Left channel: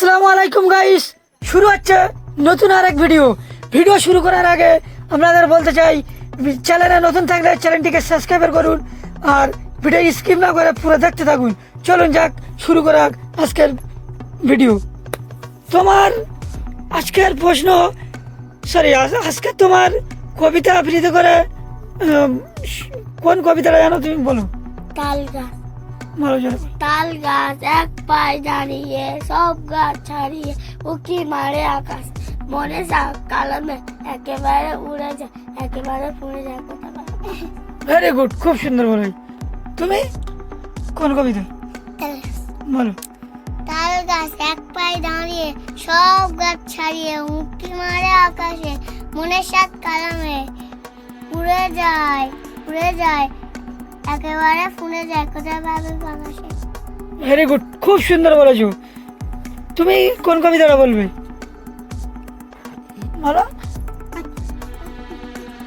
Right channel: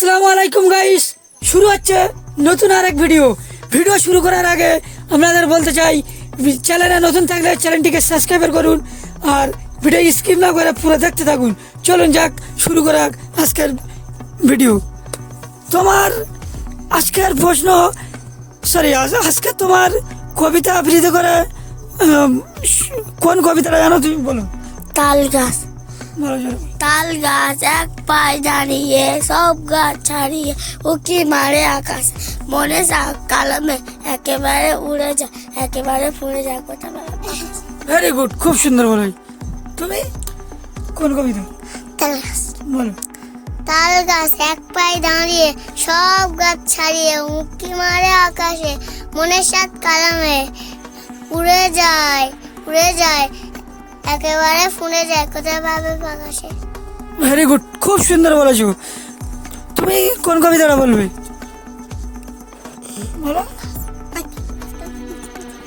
আসসালামু আলাইকুম গাইস শুরু হচ্ছে নতুন আর এক ভিডিও ভিডিও শুরু করার আগে আপনাদের বলতে চাই চ্যানেলে নতুন থাকলে চ্যানেলটিকে সাবস্ক্রাইব করুন আর ভিডিও স্কিপ না করে পুরো দেখতে থাকুন। চলুন যাক, শুরু করা আজকের ভিডিও তোমার আজকের প্রশ্ন সরি আজকে তোমার কবিতা আবৃত্তি করে কোন কবিতাটা জানো তুমি? বলো। তাল গাছ। তাল গাছ এক পায়ে দাঁড়িয়ে সব গাছ ছাড়িয়ে উকি মারে আকাশ। মনে যাক কালামে একেবারে উড়ে যায় একেবারে ফুড়ে যায় কথা ভেরি গুড খুব সুন্দর বলো। তুমি? কোন কবিতা? বলো। তাল গাছ এক পায়ে দাঁড়িয়ে সব গাছ ছাড়িয়ে উকি মারে আকাশে। মনের সাত কালামে উড়ে যায় উড়ে যায় একেবারে ফুলে যায় কোথায় পাবে আকাশে ভেরি গুড খুব সুন্দর বলেছ। তুমি কোন কবিতাটা বলবে? বলো।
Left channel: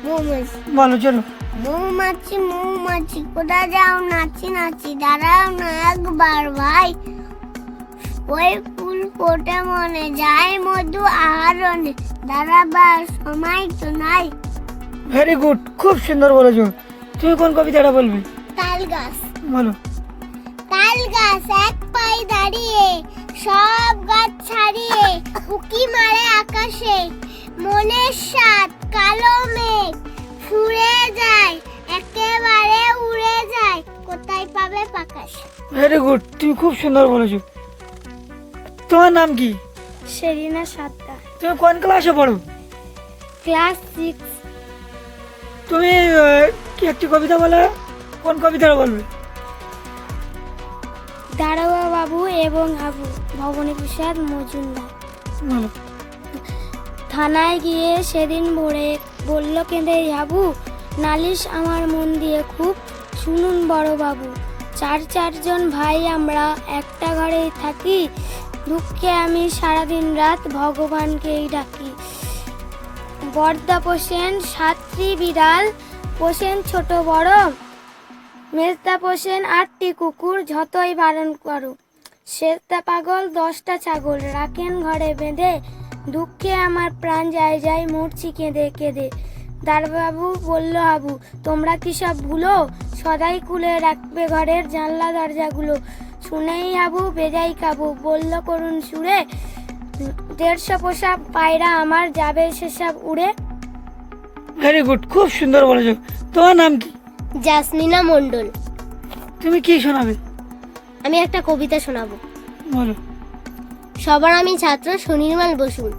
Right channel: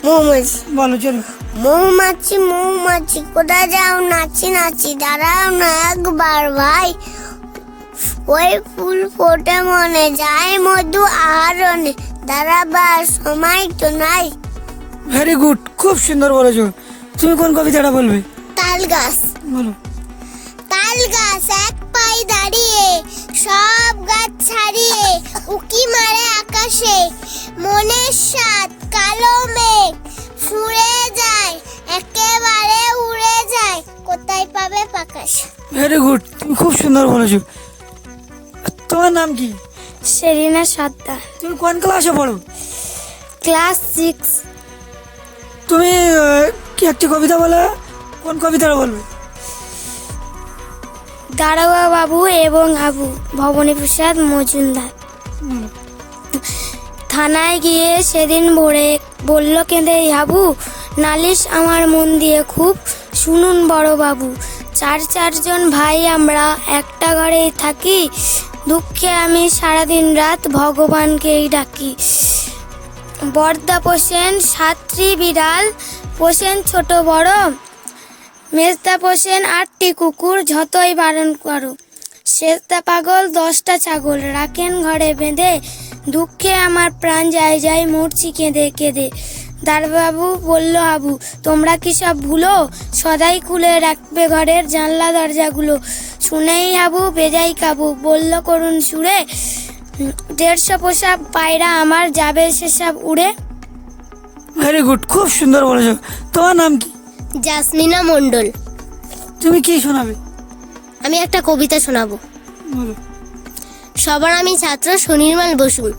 মৌমাছি। বলো চলো। মৌমাছি মৌমাছি কোথায় যাও? নাচি নাচি দাঁড়াও না একবার ভাই। ওই ফুল ফোটে মনে যায় মধু আহরণে। দাঁড়াবার সময় তো নাই। ভেরি গুড খুব সুন্দর বলেছ। তুমি কোন কবিতাটা বলবে? গাছ। বলো। তাল গাছ এক পায়ে দাঁড়িয়ে সব গাছ ছাড়িয়ে উকি মারে আকাশে। মনের সাত কালো মেঘ ফুরে যায় একেবারে উড়ে যায়। কোথায় পাবে পাকাশ? ভেরি গুড তুমি খুব সুন্দর বলেছ। তোমার নাম কি? সেরিনা সাদ্দা তুমি কোন ক্লাসে পড়ো? Class six. তুমি কি একটি কবিতা বলে? কোন কবিতাটা বলবে? দারোগা বাবু এবং আবু ভবনী প্রসাদ মজুমদার থানায় গিয়ে সেদিন ভোরে বলল কেঁদে হাবু নালিশ আমার মন দিয়ে খুব। শুনুন বড় বাবু চার চারজন ভাই আমরা একটা ঘরেই থাকি। দুঃখে আমি সারাদিন রাত ভগবানকেই ডাকি। বর্দা পোষেন সাতটি বিড়াল পোষেন ছোট বড়। মেজদা পোষেন আটটি কুকুর যতই বারণ করো শেষদা পাগল, দশটা ছাগল রাখেন ঘরে বেঁধে। দুঃখে আমার প্রাণ যায় যায় মরছি কেঁদে কেঁদে। দারবাবু বলল, আবু, তোমরা কি সব ভুলো? সদাই খুলে রাখবে ঘরের জানলা দরজাগুলো। শুনেই আবু বেজাই কাবু। বলল করুন সুরে, দেড়শো পোষা পায়রা আমার যাবে সেসব উড়ে? ভেরি গুড খুব সুন্দর বলেছ। তোমার নাম কি? জাসমিনা মণ্ডল। তুমি কি শোনাবে? আমি একটা কবিতা শোনাবো। সবার আমি ছাত্র সুনির্মল বসু।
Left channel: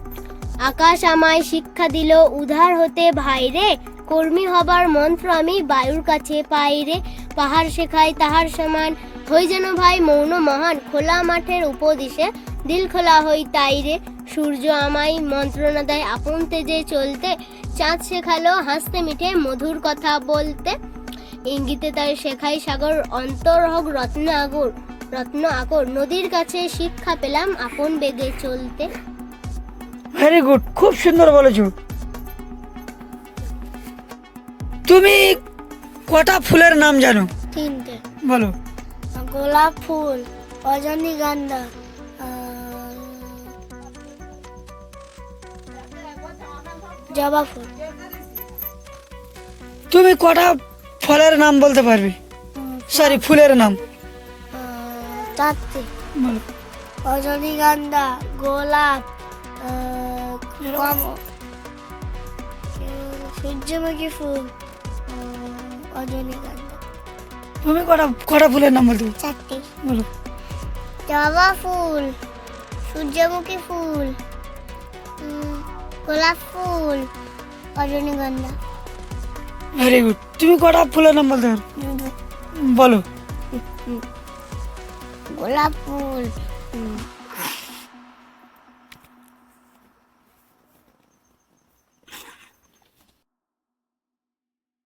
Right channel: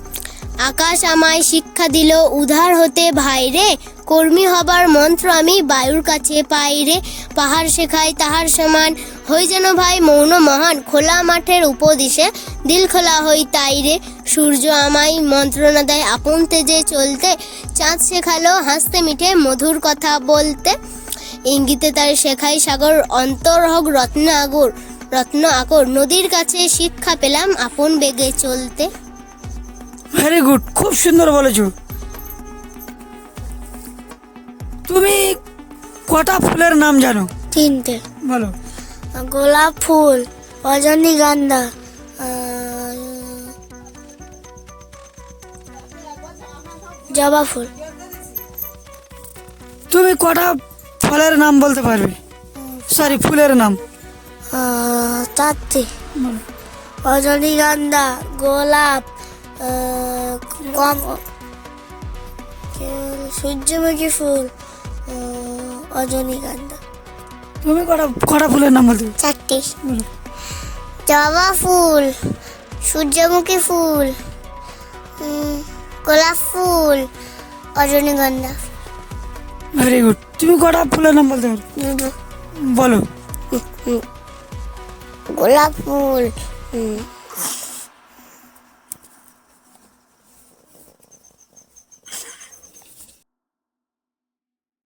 আকাশ আমায় শিক্ষা দিল উধার হতে ভাইরে কর্মী হবার মন্ত্র আমি বায়ুর কাছে পাই রে। পাহাড় শেখাই তাহার সমান হই যেন ভাই মৌন মহান। খোলা মাঠের উপদেশে দিল খোলা হই তাই রে। সূর্য আমায় মন্ত্রণা দেয় আপন তেজে চলতে। চাঁদ শেখালো হাসতে মিঠে মধুর কথা বলতে। ইঙ্গিতে তার শেখাই সাগর অন্তর হোক রত্ন আগর রত্ন আকর নদীর কাছে শিক্ষা পেলাম আপন বেগে চলতে। ভেরি গুড খুব সুন্দর বলেছ। তুমি কটা ফুলের নাম জানো? তিনটে। বলো। গোলাপ ফুল রজনীগন্ধা জবা ফুল। তুমি কটা ফলের নাম বলতে পারবে? সরি ফুলের নাম। চারটে রজনীগন্ধা গোলাপ সূর্যমুখী ফুল রজনীগন্ধা তুমি কটা কটা ফুলের নাম বলতে? চারটে। বলো। জবা ফুল সূর্যমুখী ফুল গোলাপ ফুল রজনীগন্ধা ভেরি গুড তুমি কটা ফুলের নাম বলতে বলো। গোলাপ ফুল